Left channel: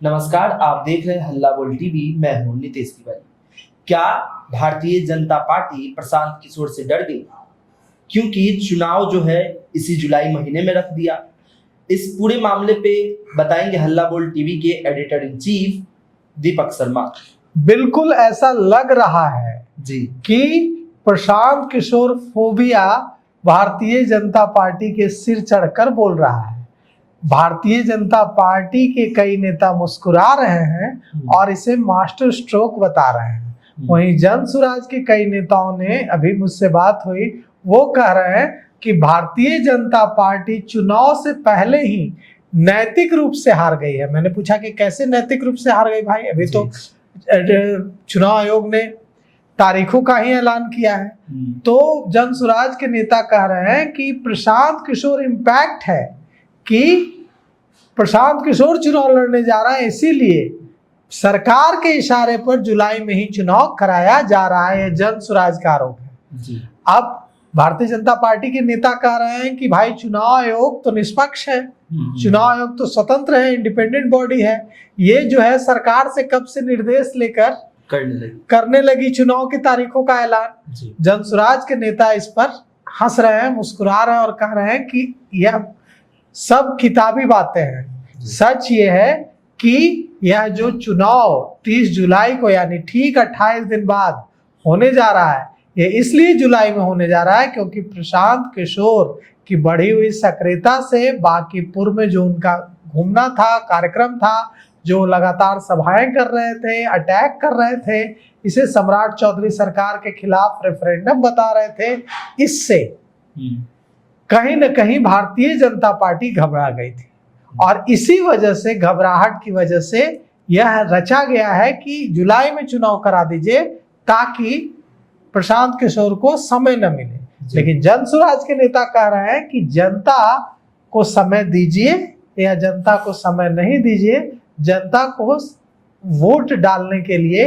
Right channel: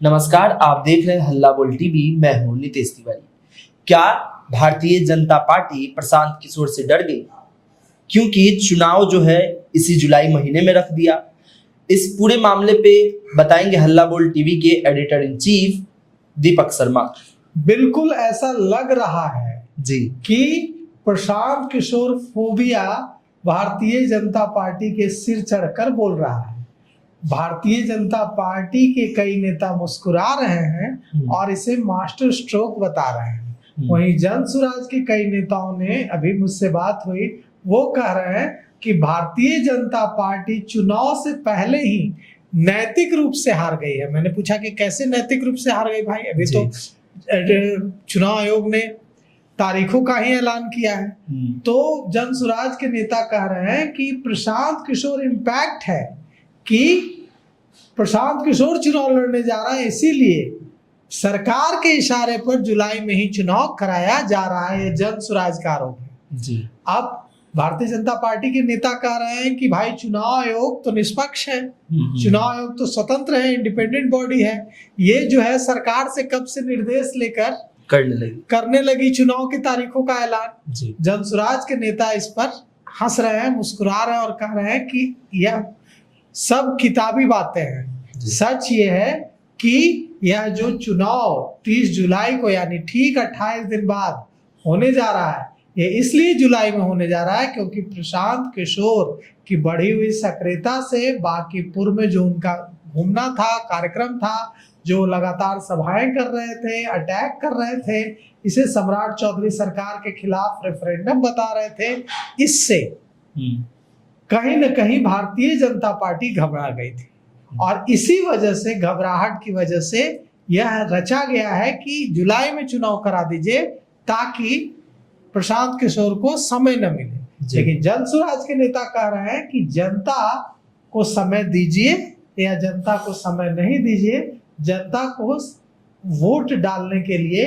नमस्कार, आप देख रहे हैं हल्ला बोल टीवी। मैं हूं नितेश तिवारी। क्या भारतीय जनता पार्टी प्रशांत किशोर से डर गई? क्योंकि चुनाव जो है इसी जुलाई महीने में रख दिया। इस पूरे मामले पे बताएंगे हल्ला बोल टीवी के editor in chief Deepak Sharma. बिल्कुल ऐसा लग रहा है जी कि प्रशांत किशोर फोबिया भारतीय जनता पार्टी के सिर चढ़कर बोल रहा है। भारतीय जनता पार्टी के कई नेता मुस्कुरा रहे हैं और इसे मास्टर स्ट्रोक बता रहे हैं। वहीं जन सुराज के कई नेताओं ने, अभी मुझसे बात हुई, वो कह रहे हैं कि भारतीय जनता पार्टी चुनाव से पहले ही नैतिक रूप से हार गई है। मैंने पूछा कि कैसे नैतिक रूप से हार गई भाई? अभी तो चुनाव आयोग ने तारीखों का ही ऐलान किया है। तो जन सुराज के नेता कह रहे हैं कि प्रशांत किशोर इम्पैक्ट है कि प्रशांत किशोर चुनाव लड़ने जा रहा है, इसीलिए सरकार के इशारे पर जुलाई में ही चुनाव कराया जा रहा है। जन सुराज का आरोप है। अब भारतीय जनता पार्टी के नेता कह रहे हैं कि भाई चुनाव आयोग तो निष्पक्ष है, चुनाव आयोग तो स्वतंत्र है, इंडिपेंडेंट बॉडी है। ये जो है सरकार से कब से निर्देश लेकर करने लगी चुनाव की तारीखों का ऐलान। जन सुराज के नेता इस पर हंस रहे हैं, मुस्कुरा रहे हैं और कह रहे हैं कि यह सब किताबी बातें हैं। सच ये है कि यह जो चुनाव 30 जुलाई को यानी ठीक 28 दिन बाद होने जा रहा है, ये इसलिए जुलाई में होने जा रहा है क्योंकि प्रशांत किशोर की बढ़ी हुई सक्रियता से बांकीपुर में जो उनका घूमना था, कार्यक्रम था, जो लगातार सभाएं कर रहे थे, अटैक कर रहे थे, इसे सम्राट चौधरी सरकार के खिलाफ रेफरेंडम बता रहे थे, इससे कहीं न कहीं भारतीय जनता पार्टी घबरा गई थी। और इसी वजह से, घबराहट की वजह से यह रचा गया है कि जुलाई में चुनाव करा दीजिए ताकि प्रशांत किशोर को समय न मिले। लेकिन जन सुराज के नेता कह रहे हैं कि जनता को समय दीजिए या जनता को समय नहीं दीजिए, जनता को वोट डालने के लिए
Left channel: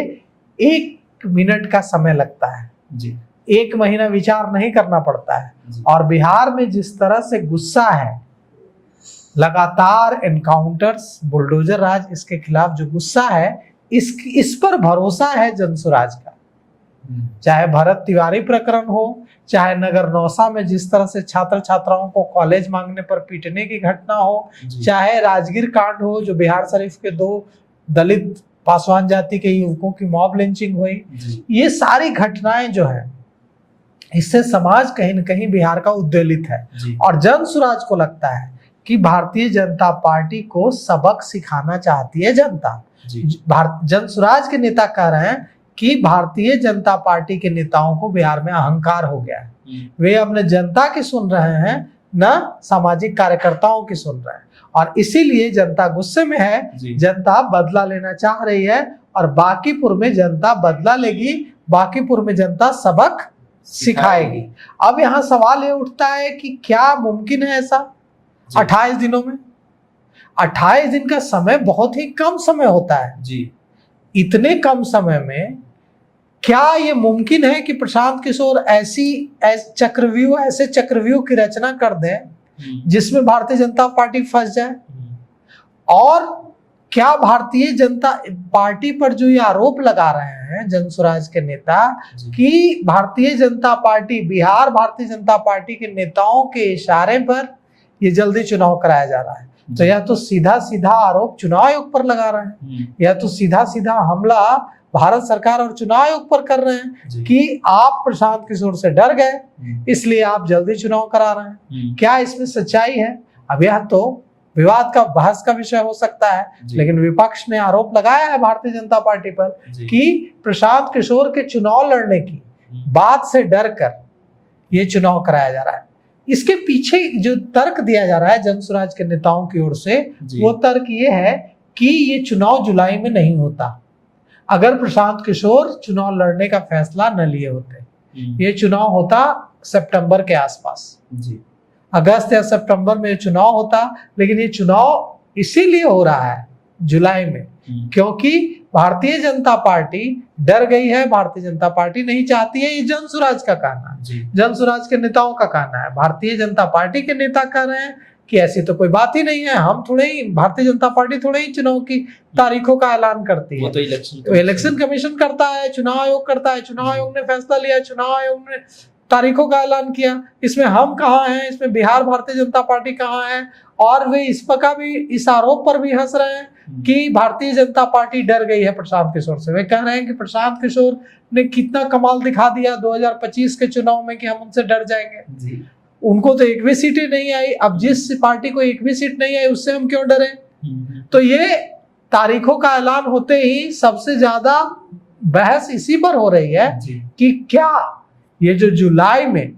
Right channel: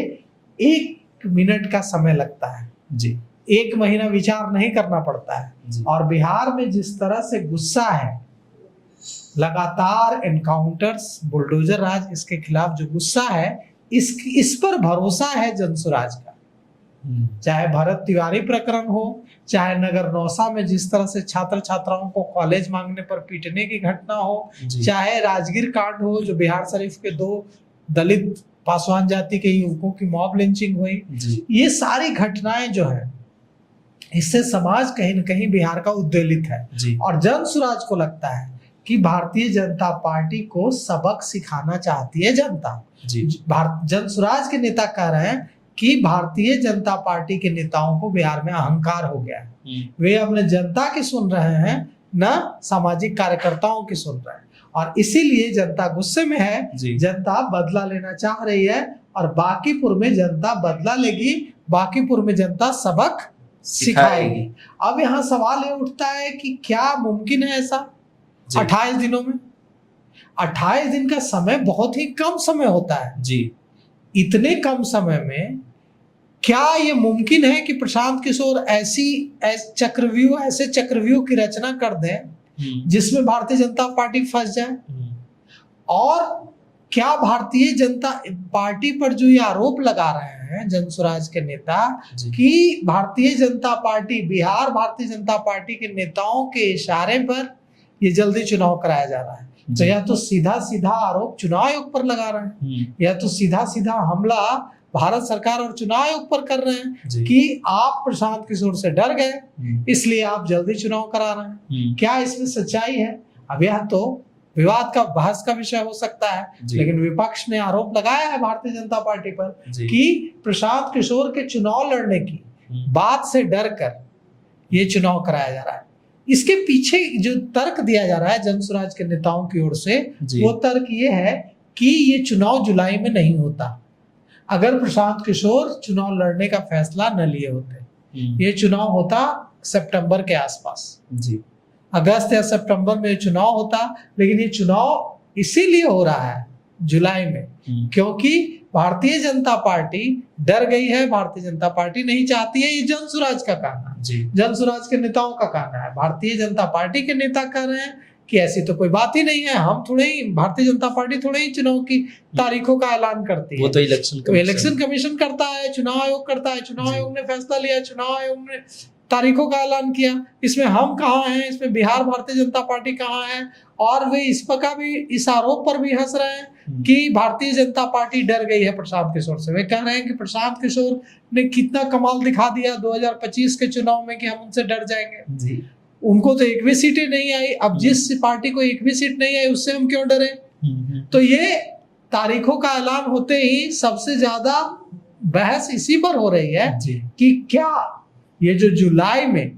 1 मिनट का समय लगता है जी। 1 महीना विचार नहीं करना पड़ता है। और बिहार में जिस तरह से गुस्सा है, लगातार एनकाउंटर्स, बुलडोजर राज, इसके खिलाफ जो गुस्सा है, इस पर भरोसा है जन सुराज का। चाहे भरत तिवारी प्रकरण हो, चाहे नगर नौसा में जिस तरह से छात्र छात्राओं को कॉलेज मांगने पर पीटने की घटना हो, चाहे राजगीर कांड हो जो बिहार शरीफ के 2 दलित पासवान जाति के युवकों की मॉब लिंचिंग हुई, ये सारी घटनाएं जो है, इससे समाज कहीं न कहीं बिहार का उद्वेलित है। और जन सुराज को लगता है कि भारतीय जनता पार्टी को सबक सिखाना चाहती है जनता। जन सुराज के नेता कह रहे हैं कि भारतीय जनता पार्टी के नेताओं को बिहार में अहंकार हो गया है। वे अपने जनता की सुन रहे हैं, न सामाजिक कार्यकर्ताओं की सुन रहे हैं, और इसीलिए जनता गुस्से में है। जनता बदला लेना चाह रही है और बांकीपुर में जनता बदला लेगी, बांकीपुर में जनता सबक सिखाएगी। अब यहाँ सवाल ये उठता है कि क्या मुमकिन है ऐसा 28 दिनों में? 28 दिन का समय बहुत ही कम समय होता है जी। इतने कम समय में क्या ये मुमकिन है कि प्रशांत किशोर ऐसे चक्रव्यूह की रचना कर दें जिसमें भारतीय जनता पार्टी फंस जाए? और क्या भारतीय जनता पार्टी पर जो ये आरोप लगा रहे हैं जन सुराज के नेता कि भारतीय जनता पार्टी, बिहार भारतीय जनता पार्टी के नेताओं के इशारे पर ये जल्दी चुनाव कराया जा रहा है, तो या तो सीधा सीधा आरोप चुनाव आयोग पर लगा रहे हैं, या तो सीधा सीधा हमला भारत सरकार और चुनाव आयोग पर कर रहे हैं कि आप प्रशांत किशोर से डर गए, इसलिए आप जल्दी चुनाव करा रहे हैं। क्या इसमें सच्चाई है? अब यह तो विवाद का, बहस का विषय हो सकता है, लेकिन विपक्ष ने आरोप लगाया है भारतीय जनता पार्टी पर कि प्रशांत किशोर के चुनाव लड़ने की बात से डर कर ये चुनाव कराया जा रहा है। इसके पीछे जो तर्क दिया जा रहा है जन सुराज के नेताओं की ओर से, वो तर्क ये है कि ये चुनाव जुलाई में नहीं होता। अगर प्रशांत किशोर चुनाव लड़ने का फैसला न लिए होते, ये चुनाव होता सितंबर के आसपास जी। अगस्त या सितंबर में चुनाव होता, लेकिन ये चुनाव इसीलिए हो रहा है जुलाई में क्योंकि भारतीय जनता पार्टी डर गई है, भारतीय जनता पार्टी नहीं चाहती है। ये जन सुराज का कहना है, जन सुराज के नेताओं का कहना है। भारतीय जनता पार्टी के नेता कह रहे हैं कि ऐसी तो कोई बात ही नहीं है, हम थोड़े ही, भारतीय जनता पार्टी थोड़े ही चुनाव की तारीखों का ऐलान करती वो है, तो इलेक्शन कमीशन करता है, चुनाव आयोग करता है, चुनाव आयोग ने फैसला लिया, चुनाव आयोग ने तारीखों का ऐलान किया। इसमें हम कहाँ हैं, इसमें बिहार भारतीय जनता पार्टी कहाँ है? और वे इस पर भी, इस आरोप पर भी हंस रहे हैं कि भारतीय जनता पार्टी डर गई है प्रशांत किशोर से। वे कह रहे हैं कि प्रशांत किशोर ने कितना कमाल दिखा दिया 2025 के चुनाव में कि हम उनसे डर जाएंगे जी। उनको तो एक भी सीटें नहीं आई। अब जिस पार्टी को एक भी सीट नहीं आई उससे हम क्यों डरे? तो ये तारीखों का ऐलान होते ही सबसे ज्यादा बहस इसी पर हो रही है कि क्या ये जो जुलाई में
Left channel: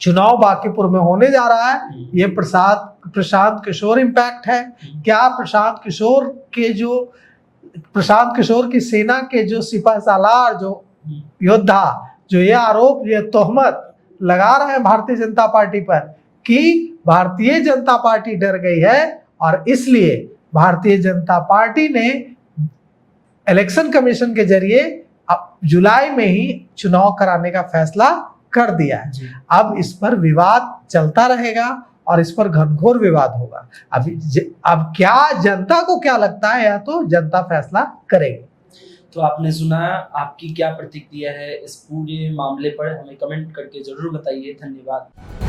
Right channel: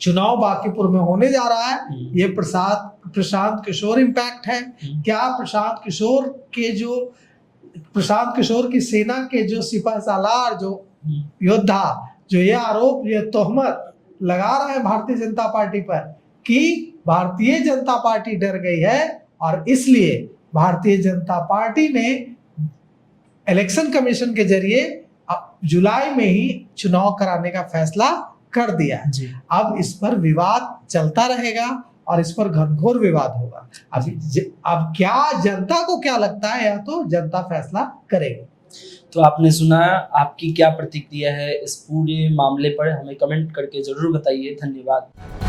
चुनाव बांकीपुर में होने जा रहा है, ये प्रशांत किशोर इम्पैक्ट है क्या? प्रशांत किशोर की सेना के जो सिपह सालार, जो योद्धा, जो ये आरोप, ये तोहमत लगा रहे हैं भारतीय जनता पार्टी पर कि भारतीय जनता पार्टी डर गई है और इसलिए भारतीय जनता पार्टी ने इलेक्शन कमीशन के जरिए जुलाई में ही चुनाव कराने का फैसला कर दिया है। अब इस पर विवाद चलता रहेगा और इस पर घनघोर विवाद होगा। अब क्या जनता को क्या लगता है, या तो जनता फैसला करेगी। तो आपने सुना, आपकी क्या प्रतिक्रिया है इस पूरे मामले पर, हमें कमेंट करके जरूर बताइए। धन्यवाद।